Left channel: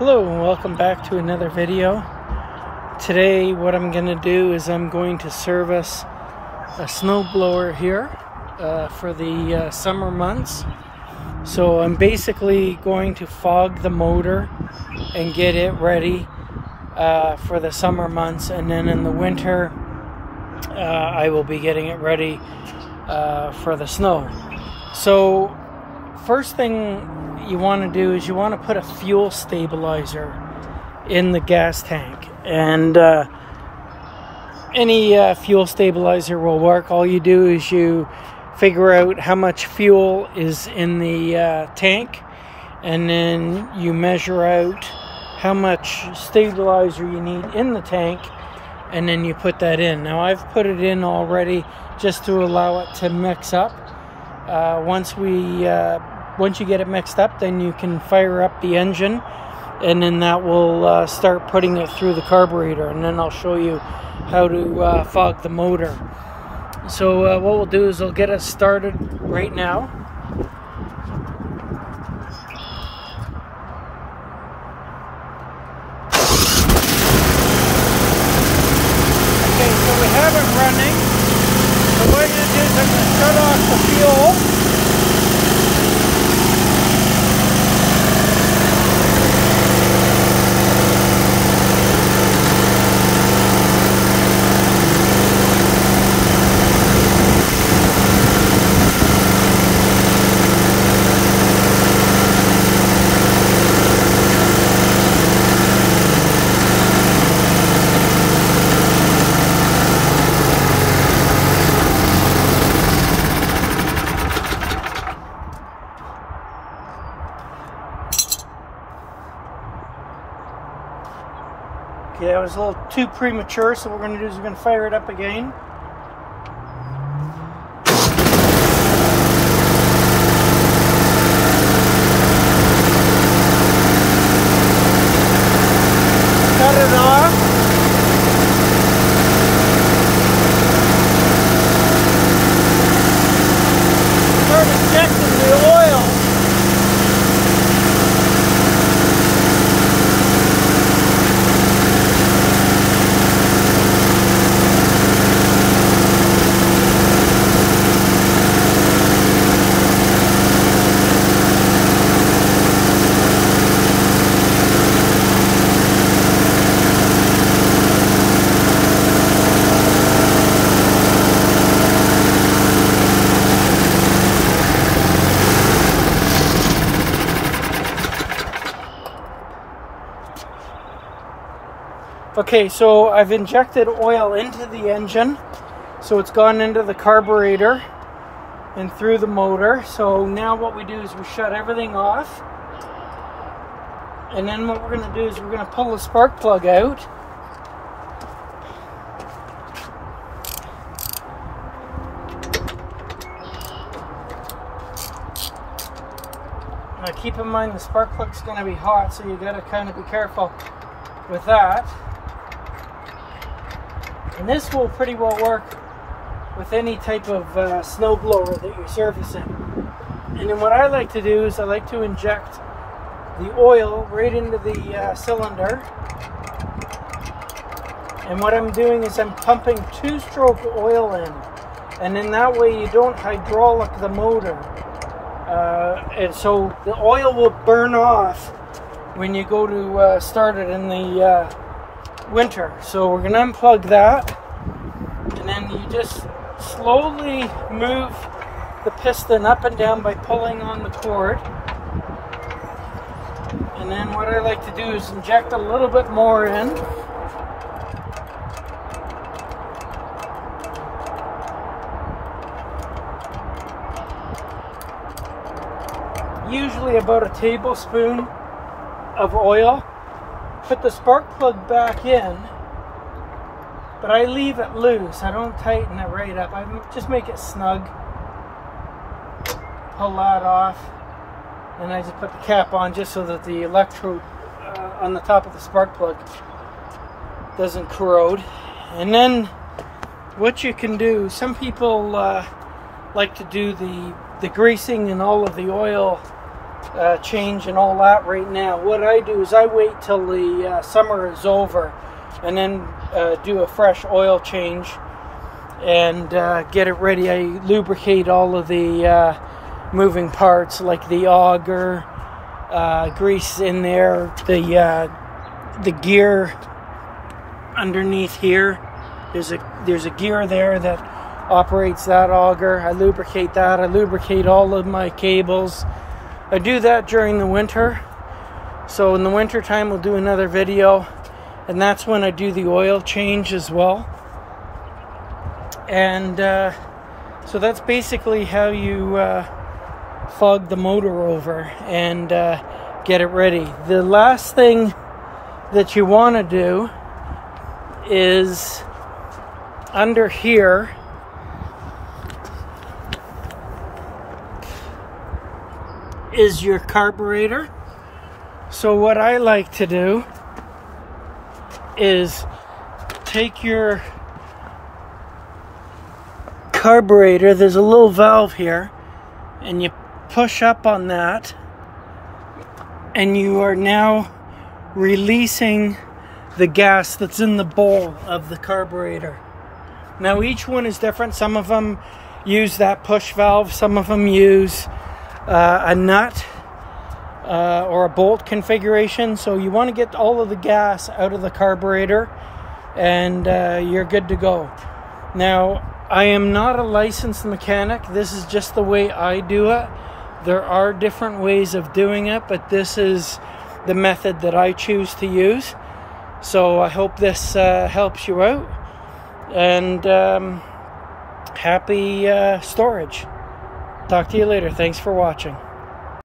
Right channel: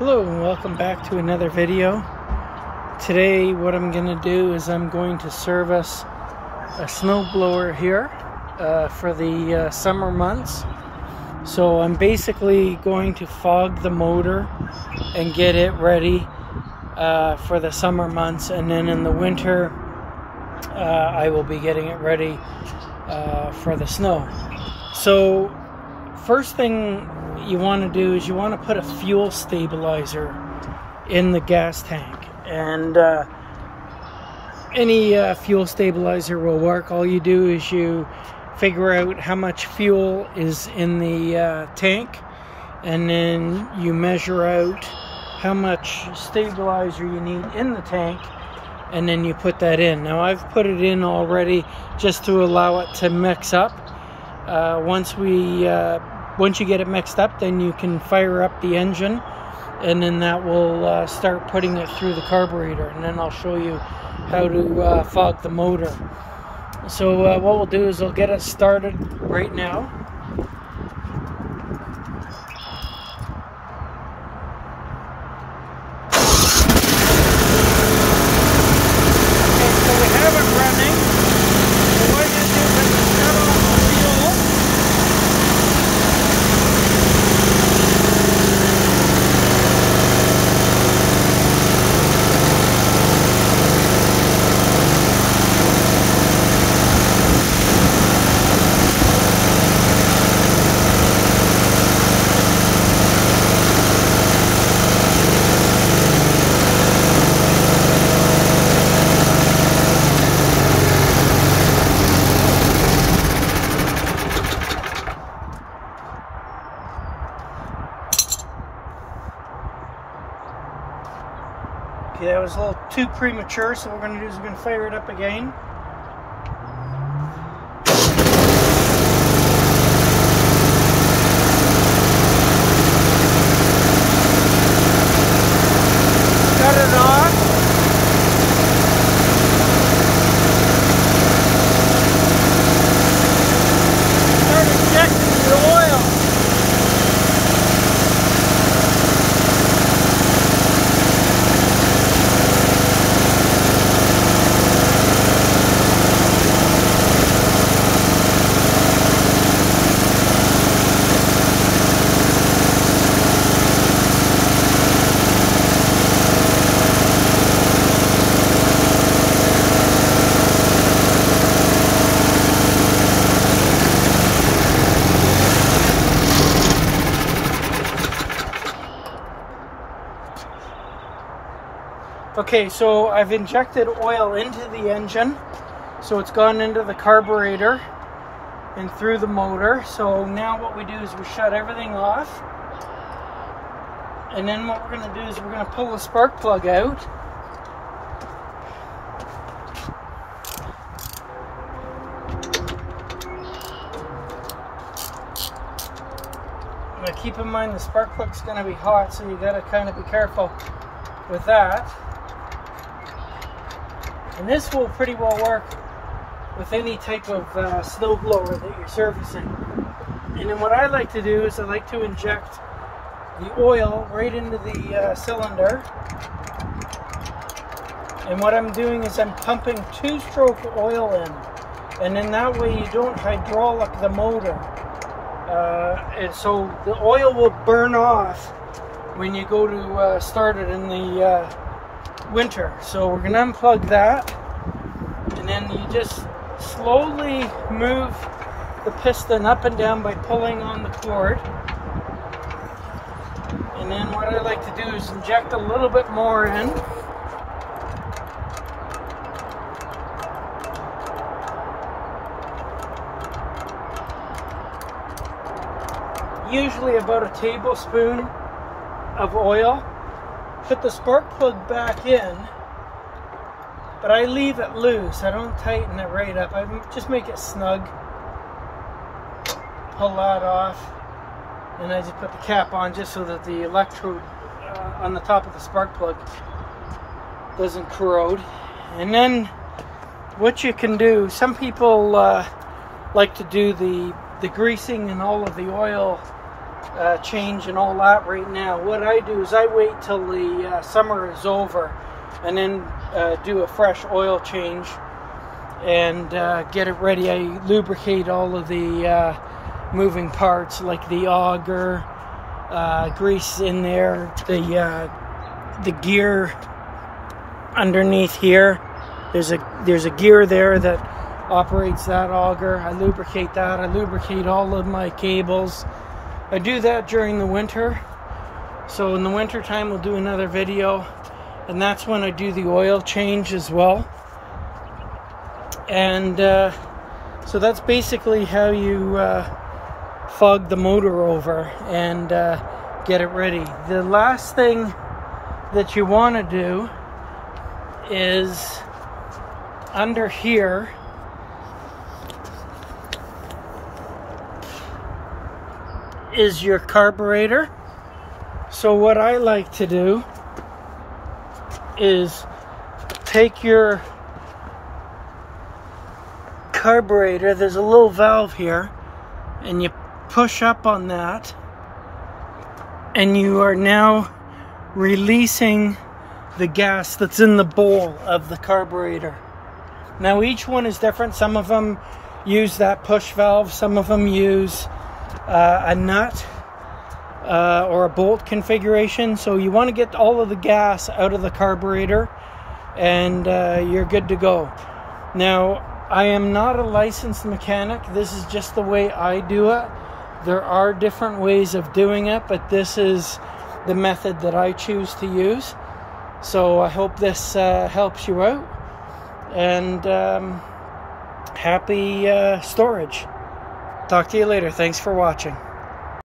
Hello and welcome back to another video. Today what I'm going to do is I'm going to service a snowblower here for the summer months. So I'm basically going to fog the motor and get it ready for the summer months, and then in the winter I will be getting it ready for the snow. So first thing you want to do is you want to put a fuel stabilizer in the gas tank, and any fuel stabilizer will work. All you do is you figure out how much fuel is in the tank, and then you measure out how much stabilizer you need in the tank, and then you put that in. Now I've put it in already just to allow it to mix up. Once you get it mixed up, then you can fire up the engine, and then that will start putting it through the carburetor, and then I'll show you how to fog the motor. So what we'll do is I'll get us started right now. Okay, so we have it running. So what I'm going to do is I'm going to shut off the fuel. Okay, that was a little too premature, so what we're going to do is we're going to fire it up again. Okay, so I've injected oil into the engine, so it's gone into the carburetor and through the motor. So now what we do is we shut everything off, and then what we're going to do is we're going to pull the spark plug out. Now keep in mind the spark plug's going to be hot, so you got to kind of be careful with that. And this will pretty well work with any type of snowblower that you're servicing. And then what I like to do is I like to inject the oil right into the cylinder. And what I'm doing is I'm pumping 2-stroke oil in. And then that way you don't hydraulic the motor. And so the oil will burn off when you go to start it in the winter. So we're going to unplug that, and then you just slowly move the piston up and down by pulling on the cord. And then what I like to do is inject a little bit more in. Usually about a tablespoon of oil. Put the spark plug back in, but I leave it loose. I don't tighten it right up. I just make it snug. Pull that off, and I just put the cap on just so that the electrode on the top of the spark plug doesn't corrode. And then what you can do, some people like to do the greasing and all of the oil change and all that right now. What I do is I wait till the summer is over and then do a fresh oil change and get it ready. I lubricate all of the moving parts, like the auger, grease in there, the gear underneath here. There's a gear there that operates that auger. I lubricate that. I lubricate all of my cables. I do that during the winter. So in the winter time we'll do another video, and that's when I do the oil change as well. And so that's basically how you fog the motor over and get it ready. The last thing that you want to do is under here is your carburetor. So what I like to do is take your carburetor, there's a little valve here, and you push up on that, and you are now releasing the gas that's in the bowl of the carburetor. Now each one is different. Some of them use that push valve, some of them use a nut or a bolt configuration. So you want to get all of the gas out of the carburetor and you're good to go. Now I am not a licensed mechanic. This is just the way I do it. There are different ways of doing it, but this is the method that I choose to use. So I hope this helps you out, and happy storage. Talk to you later. Thanks for watching.